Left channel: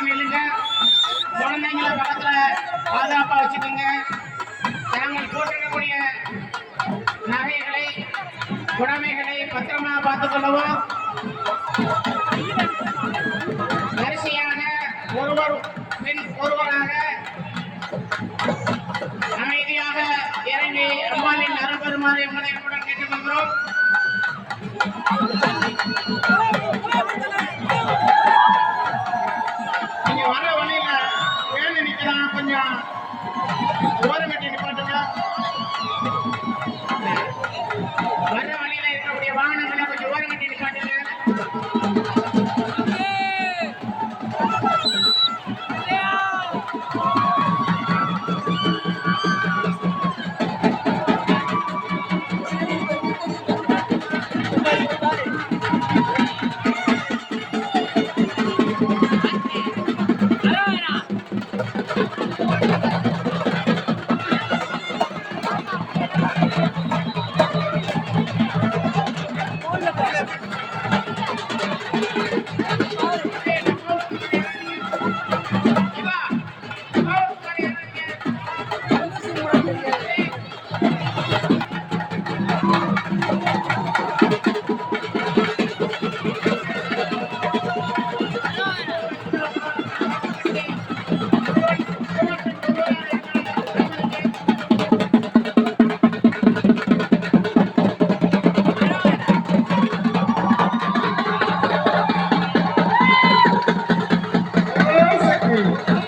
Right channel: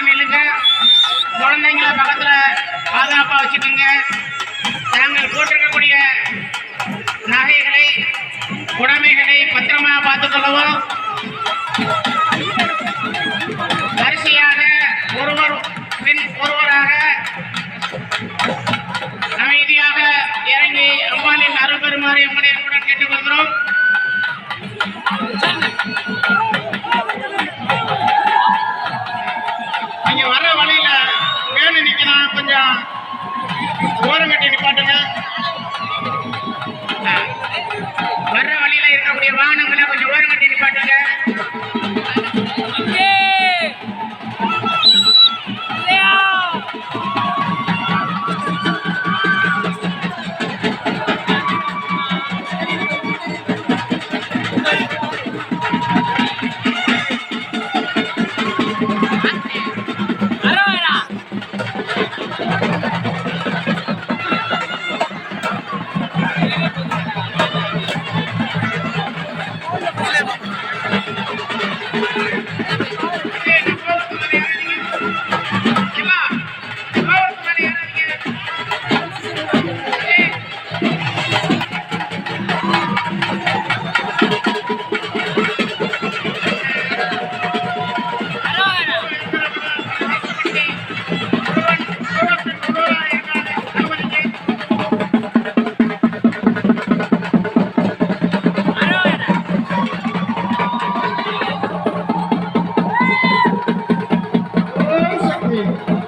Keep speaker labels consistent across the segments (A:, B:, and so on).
A: பக்கம் நில்லுங்க குழந்தைங்களை பக்கத்தில் பாதுகாப்பாக வச்சுக்கோங்க. நாங்கள் போட்டிருக்கக்கூடிய நகைகளை உடைமைகளை
B: பத்திரமாக பார்த்துக்கொள்ளவும் one. Thank you.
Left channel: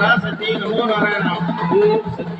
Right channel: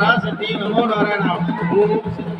B: Parasakthi Namo Narayana Om Sakthi